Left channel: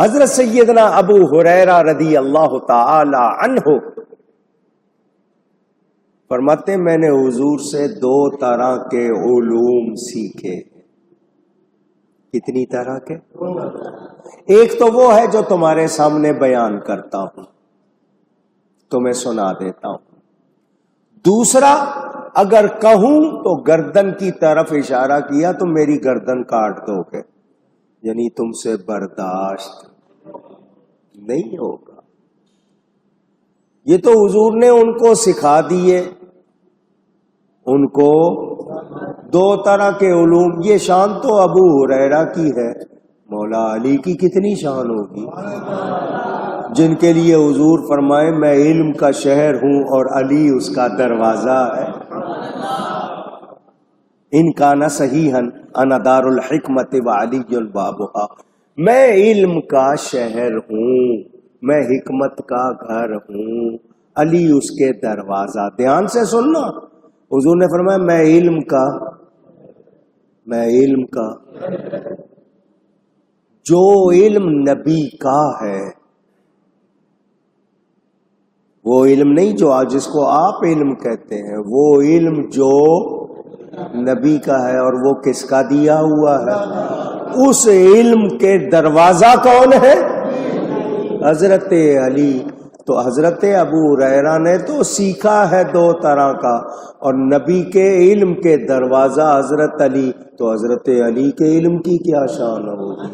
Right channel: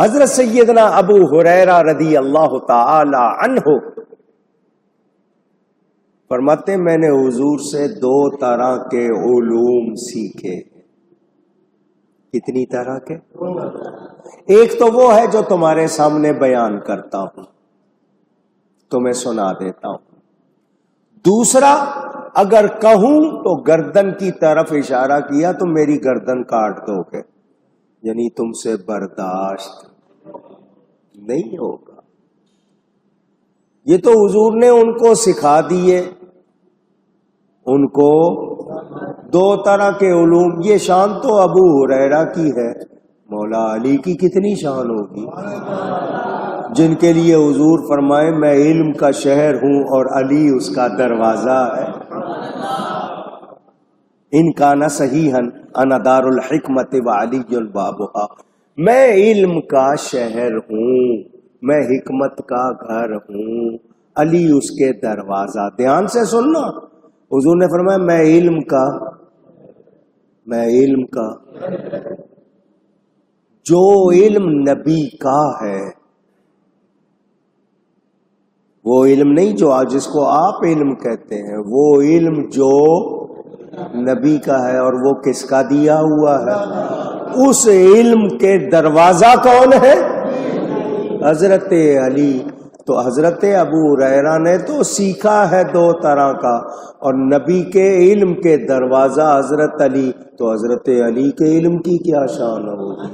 حضرت سیدنا ابو ہریرہ رضی اللہ تعالی عنہ فرماتے میں نے حضور سے 2 طرح کے علوم سیکھے. کتنی طرح کے؟ ایک تو وہ ہے جو تمہارے سامنے بیان کرتا ہوں، تمہیں سنا دیتا ہوں. دوسرا اگر کہوں تو گردن کی طرف اشارہ کیا تو میری گردن کاٹ دو گے، یعنی تم سے برداشت نہیں ہوگا. یہ تو حضور نے ان کو سکھا دیے، ان کو 2 طرح کے علوم. یہ شان تو ابو ہریرہ کی ہے، مولا علی کی کتنی شان ہوگی جن کے لیے حضور فرمائے میں علم کا شہر ہوں اور علی اس کا دروازہ ہے. ان کا نہ صحیحاً انا دار الحکمت وعلی بابھا، میں علم کا شہر ہوں، میں حکمت کا گھر ہوں، علی اس کے دروازہ. دھیان سے سننا، حضور نے فرمایا میں علم کا جو علم نبی کا ہے، وہ علم نہیں جو آج جس کو آپ علم کہتے ہیں، وہ علم جو نبی کا ہے. اور وہ کس کا دیا ہوا ہے؟ اس علم کے دروازہ کون ہے؟ حضرت علی. تو حضرت ابو ہریرہ نے تو سیکھا ہے 2 طرح کا، اور نبی کے علم کے دروازہ حضرت علی. تو حضرت علی کے علم کی کیا شان ہوگی،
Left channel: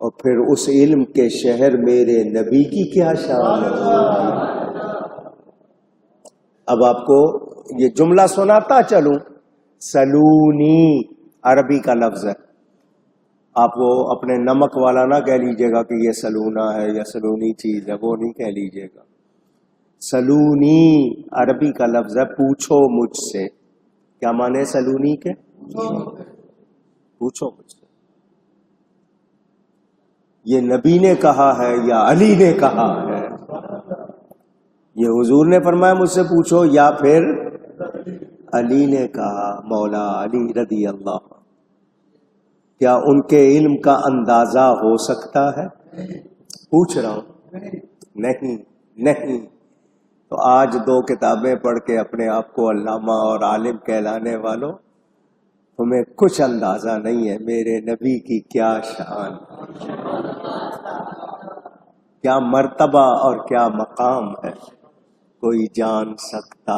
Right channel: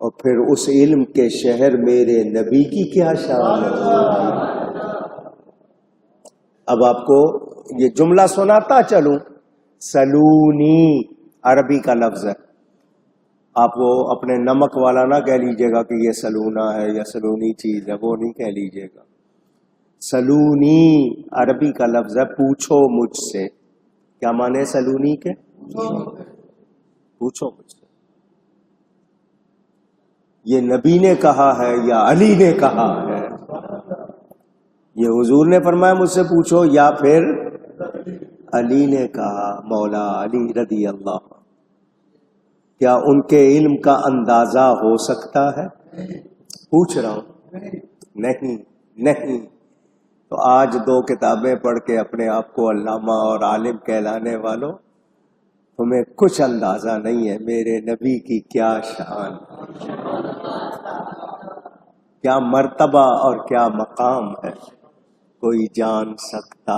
اور پھر اس علم کے شہر میرے نبی کی کیا شان ہوگی. اب آپ کو یہ جملہ سناتا چلوں. سلونی عربی کا لفظ ہے، آپ وہ اپنے نمک والا نہ کہہ لیجئے گا کہ یہ سلونا ہے یا سلونی چیز ہے، وہ نہیں کہہ لیجئے گا. سلونی عربی کا لفظ ہے، پوچھو مجھ سے. کیا معنی سلونی کے؟ پوچھو مجھ سے. یہ نبی نے کہا ہے یا علی نے کہا ہے؟ یہ حضور نے فرمایا مجھ سے پوچھو، یا پھر علی نے کہا، مولا علی رضی اللہ. کیا ان کے علم کا اندازہ ہو سکتا ہے؟ پوچھ رہا ہوں. نہیں. تو آج 2 کتابیں پڑھ کے اپنے آپ کو علامہ اور عالم کہلانے والوں، تمہیں کچھ اندازہ نہیں ہے میرے نبی کی کیا شان، کیا مرتبہ اور کیا مقام ہے، کوئی جان سکتا